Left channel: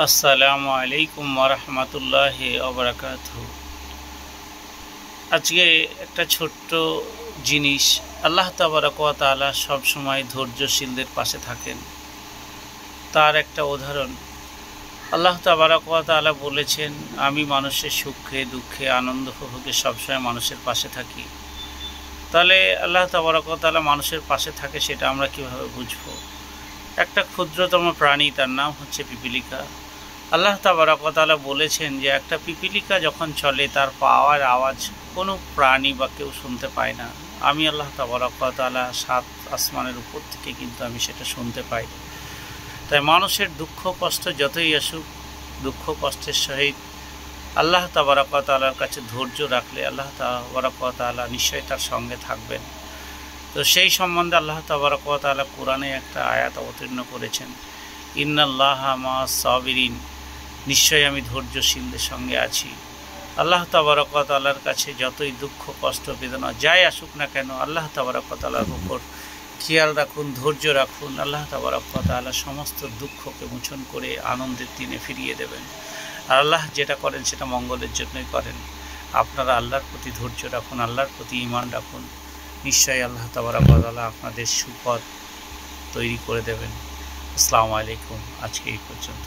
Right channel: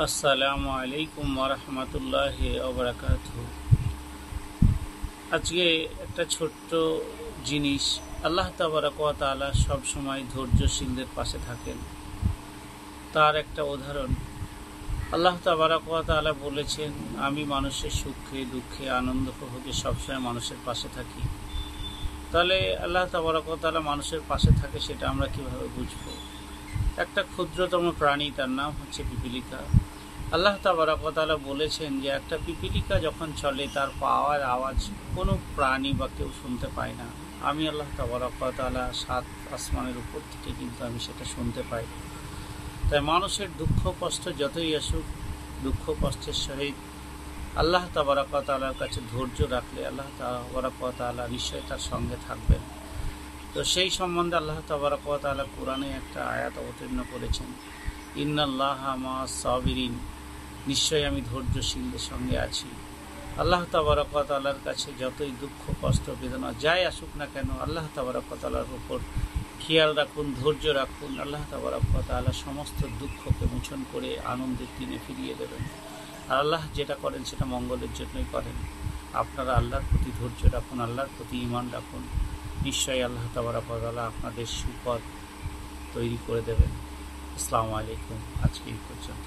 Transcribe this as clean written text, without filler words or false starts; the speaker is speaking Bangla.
আসসালামু আলাইকুম ওয়া রাহমাতুল্লাহি ওয়া বারাকাতুহু। আজকে একটা ছোট্ট জিনিস, আল্লাহ তাবারাক ওয়া তাআলা সবসময় ধৈর্যশীলদের পাশে থাকেন। তার একটা উদাহরণ, আল্লাহ তাবারাক ওয়া তাআলা বলেছেন, আমি মানুষের সুখে দুঃখে আনন্দ উপভোগে সবসময় মানুষের পাশে থাকি। তাহলে আল্লাহ তাবারাক ওয়া তাআলা মানুষের পাশে থাকে, সেটা আমরা কিভাবে বুঝব? একটা ক্ষুদ্রতম প্রাণী, তার নাম হচ্ছে পিপীলিকা। আল্লাহ তাবারাক ওয়া তাআলা বলেছেন যে একটা পিপীলিকা যখন চলে তার পাওয়ার আওয়াজ কোনো প্রাণী বা কেউ শুনতে পায় না। আমি আল্লাহ তাবারাক ওয়া তাআলা 7 আসমানের উপর থেকে কিন্তু আমি সেটা শুনতে পাই। তাই মানুষের দুঃখ কষ্ট যতই আসুক, দুঃখ কষ্টের সহিত আল্লাহ তাবারাক ওয়া তাআলার কাছে ধৈর্য রাখলে আল্লাহ তাবারাক ওয়া তাআলা নিশ্চয়ই তার সঙ্গে থাকবেন। তো সেই সম্বন্ধে আল্লাহ তাবারাক ওয়া তাআলা কোরআনে একটা আয়াত অবতীর্ণ করেছেন, ইন্নাল্লাহা মা'আস সাবিরিন, নিশ্চয়ই আমি ধৈর্যশীলদের সঙ্গে আছি। আল্লাহ তাবারাক ওয়া তাআলার কাছে যতই দুঃখ কষ্ট বেদনা যাই আসুক না কেন, আল্লাহ তাবারাক ওয়া তাআলার উপর খেয়াল রাখুন, ধৈর্য রাখুন। আল্লাহ তাবারাক ওয়া তাআলা সমস্ত দুঃখকে মোচন করে আনন্দের দিনে ফিরিয়ে দেবেন। আর আল্লাহ যেটা করেন সেটা মঙ্গলের জন্যই করেন। আপনারা আল্লাহর প্রতি ধৈর্য রাখুন, আল্লাহর প্রতি ঈমান রাখুন, নিশ্চয়ই আল্লাহ তাবারাক ওয়া তাআলা আপনাদের সুপথ তৈরি করে দেবেন। আসসালামু আলাইকুম। আজকে এই পর্যন্ত।